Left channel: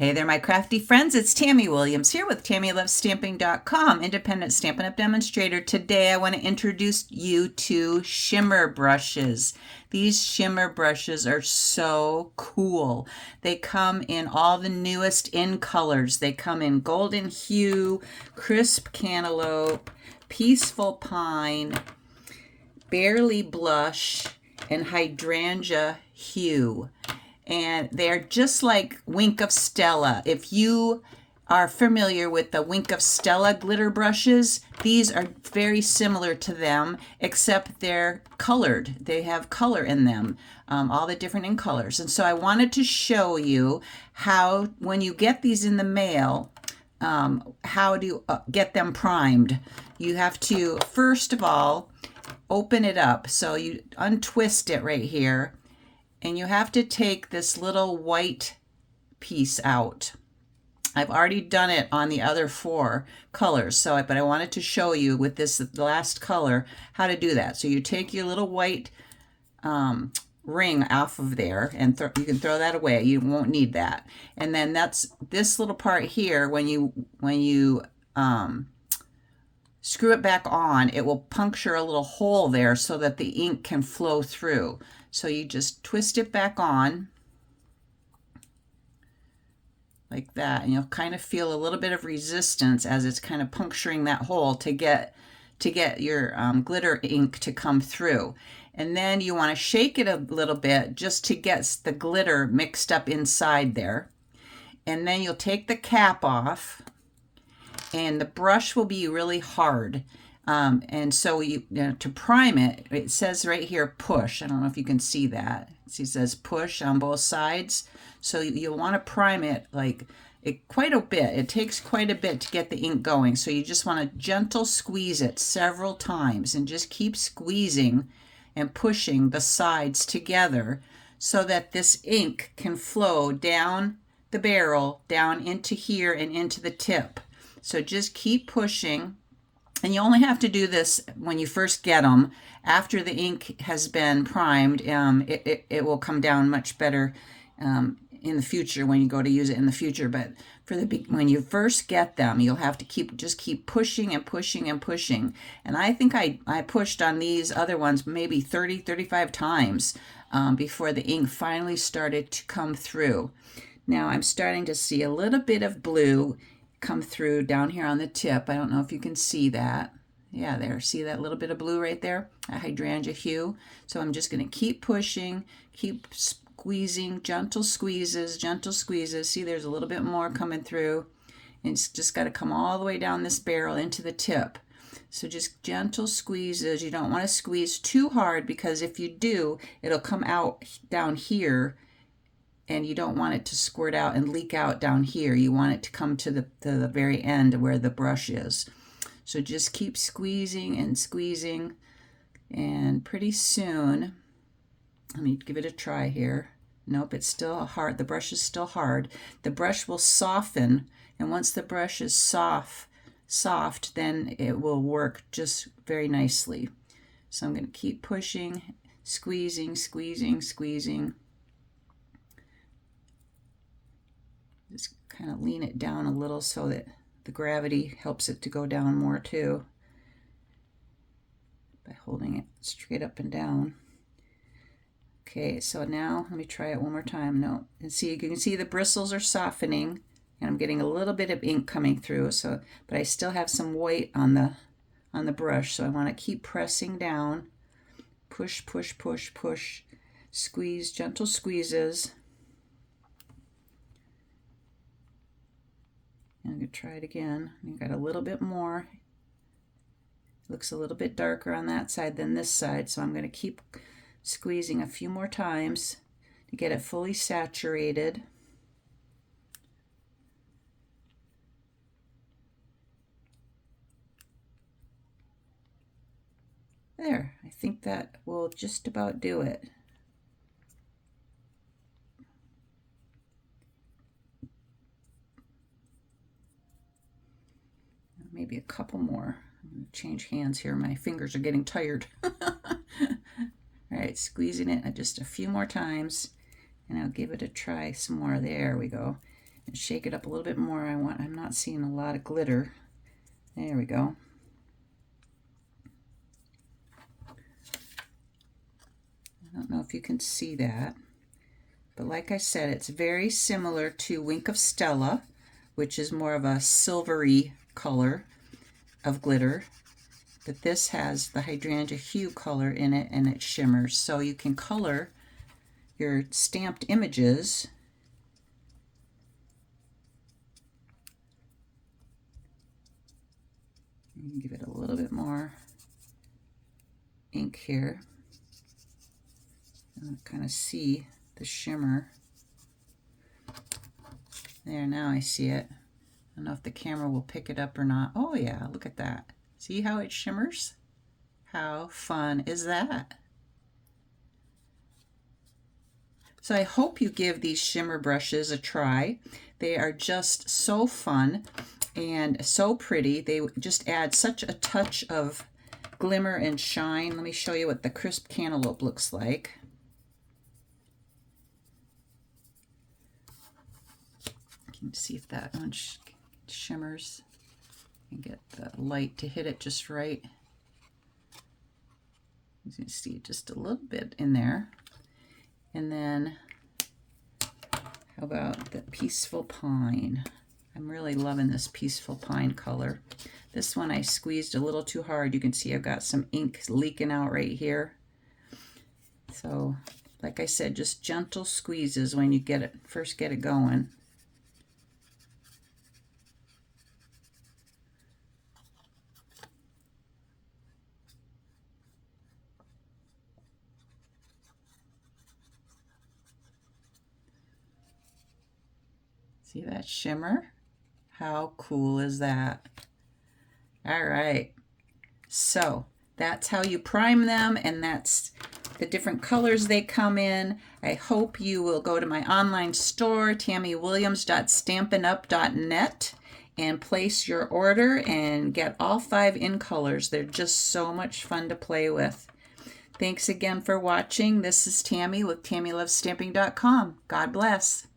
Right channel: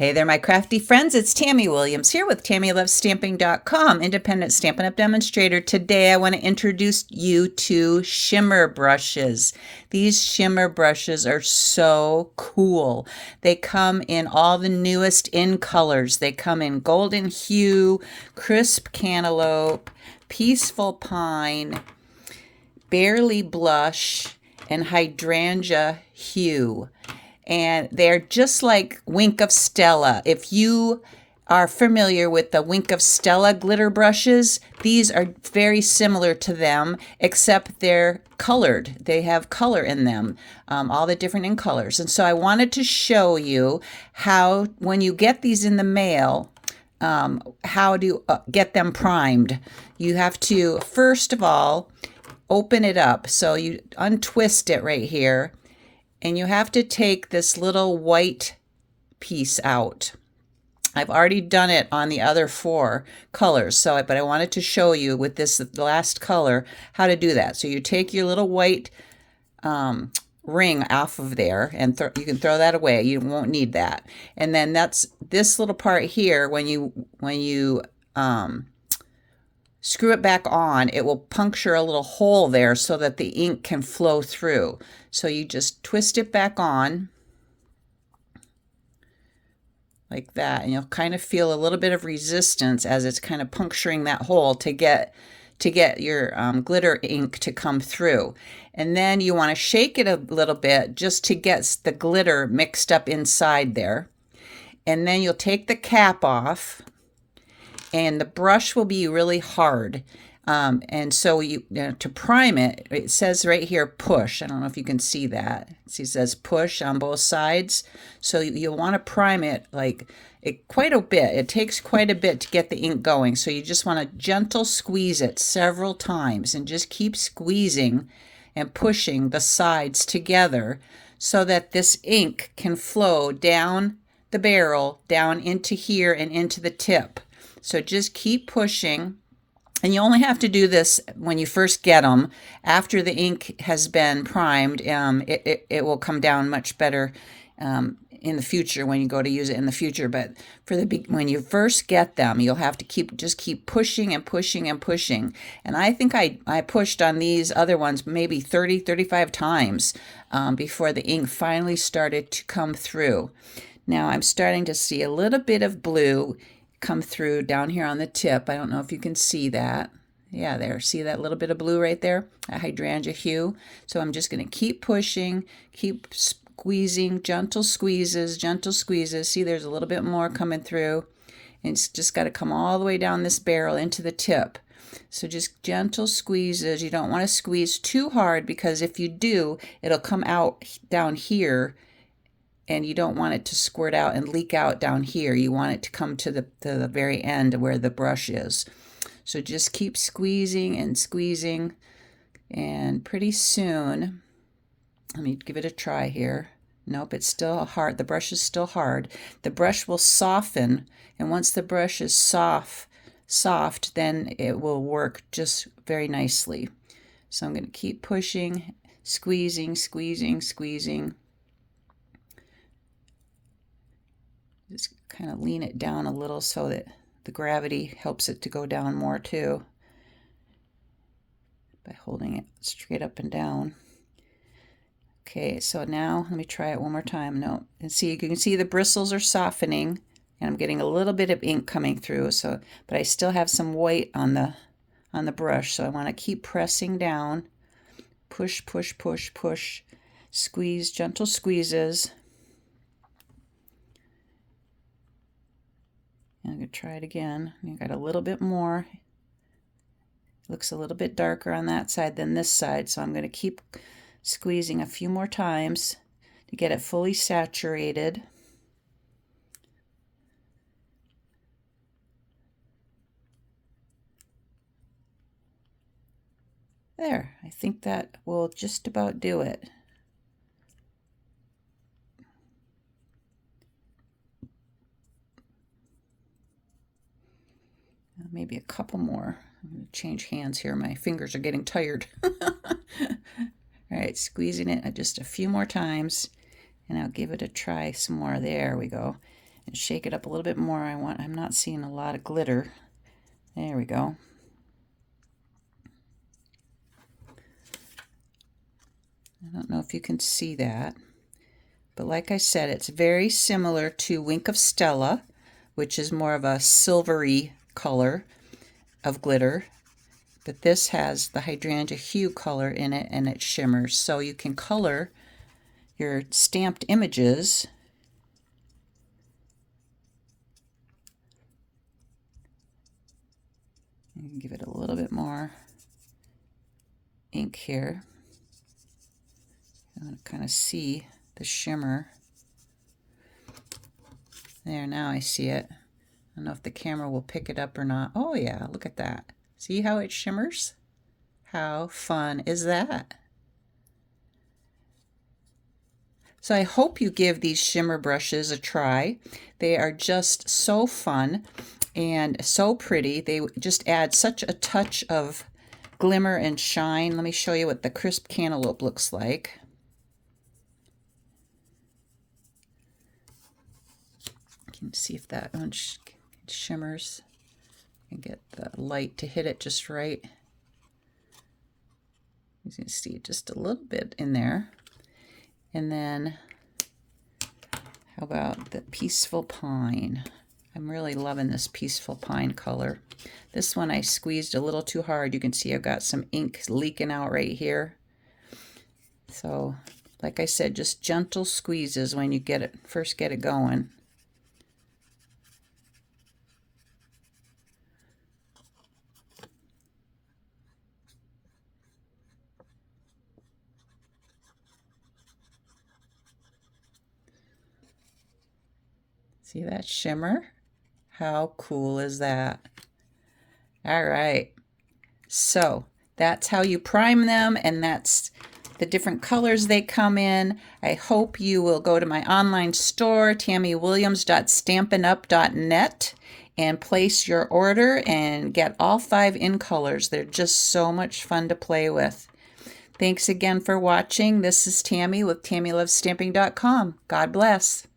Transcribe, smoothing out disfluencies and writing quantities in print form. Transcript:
Hey there, my crafty friends. It's Tammy Williams here with TammyLovesStamping.com, independent Stampin' Up! Demonstrator. Today I want to introduce you to shimmer brushes. These shimmer brushes are so cool. They come in all the newest in colors. They come in golden hue, crisp cantaloupe, peaceful pine, barely blush, and hydrangea hue. And they're just like Wink of Stella. If you are familiar with the Wink of Stella glitter brushes, these are very similar to them, except they're colored. They have color in them, all the different in colors. And so I wanted to show you how, when you get these in the mail, how to get them primed. You have to, first of all, open it up. So you untwist it right here. And you have to take this little white piece out. I've already done it on the other four colors, but I wanted to show you with this last color how to do that. So you take your little white ring off of there, and you can throw that away. You won't need that. And then that's this little part here. When you screw it back on, it will puncture a little hole there so that the ink can flow through. So you just twist it back on like that, and you'll kind of feel a little bit of resistance as it's kind of puncturing that hole to get your glitter ink to come through. And then you want to shake it a little bit just to get the glitter mixed up inside there. And then you'll take the cap off, and the brush will be really hard. And so to prime it, it says right here, push. I don't know if you can see that. It says push on both sides. So you'll want to prime it quite a bit. It takes quite a bit to get the ink going. So you just want to gentle squeeze it several times and just keep squeezing and pushing the sides together so that this ink can flow down the barrel, down into here and into the tip. So just keep pushing. And you only have to do this when you first get them. After the ink has been primed, it will come down much better in the future when you go to use it in the future. But when you first get them, you'll have to keep pushing and pushing and pushing. And I think I pushed on these other ones maybe 30, 35 times before the ink finally started to come through. Now I'm starting to see a little bit of blue come through down here on the tip. I don't know if you can see that. Yeah, there. See that little bit of blue right there? A hydrangea hue. So I'm just going to keep pushing, keep squeezing, gentle squeezes, gentle squeezes. See, there's a little bit more coming through. And it's just got to come all the way down this barrel into the tip. So just gentle squeezes. You don't want to squeeze too hard, because if you do, it'll come out down here, and you don't want it to squirt out and leak out down here. You want it to come to the very end where the brush is. So just keep squeezing and squeezing, and pretty soon, let me give it a try here. Nope, it's still hard. The brush is still hard. The brush will soften, and once the brush is soft, then it will work just very nicely. So I'm going to keep pushing, squeezing, squeezing, squeezing. Just kind of lean it down a little so that the gravity helps it to go down more too, by holding it straight up and down. Okay, so now let me try it one more time. No, and see, you can see the bristles are softening, and I'm getting a little bit of ink coming through. So, but I still have some white on the brush, so I want to keep pressing down. Push, push, push, push. Squeeze, gentle squeezes. I'm going to try it again. You got a little bit more. It looks a little bit darker on that side than this side, so I'm going to keep squeezing a few more times to get it fully saturated. There, I think that will just about do it. Maybe a couple more. I'm going to change hands here. My fingers are getting tired. All right, squeezing it just a few more times, and I'll give it a try some more. There we go. Shake it up a little bit more. I'm not seeing a lot of glitter. There we go. I don't know if you can see that, but like I said, it's very similar to Wink of Stella, which is more of a silvery color of glitter, but this has the Hydrangea Hue color in it, and it shimmers, so you can color your stamped images and give it a little bit more ink here. I want to kind of see the shimmer. There, now I see it. I don't know if the camera will pick it up or not. Oh yeah, look at that. See how it shimmers? How fun is that? So I hope you give these shimmer brushes a try. They are just so fun and so pretty. They just add such a touch of glimmer and shine. Let me show you what the crisp cantaloupe looks like. You can see if that one shimmers and get the light to hit it just right. You can see just a little bit in there. And then how about the Peaceful Pine? I'm really loving this Peaceful Pine color. This one I squeezed a little too hard. You can see I've got some ink leaking out right here. So like I said, just gentle squeezes when you first get it going. See that shimmer? How cool is that? All right, so that's how you prime them, and that's the different colors they come in. I hope you will go to my online store, tammywilliams.stampinup.net, and place your order and get all 5 in colors. They're just so much fun to play with. Thanks again for watching. This is Tammy with TammyLovesStamping.com. God bless.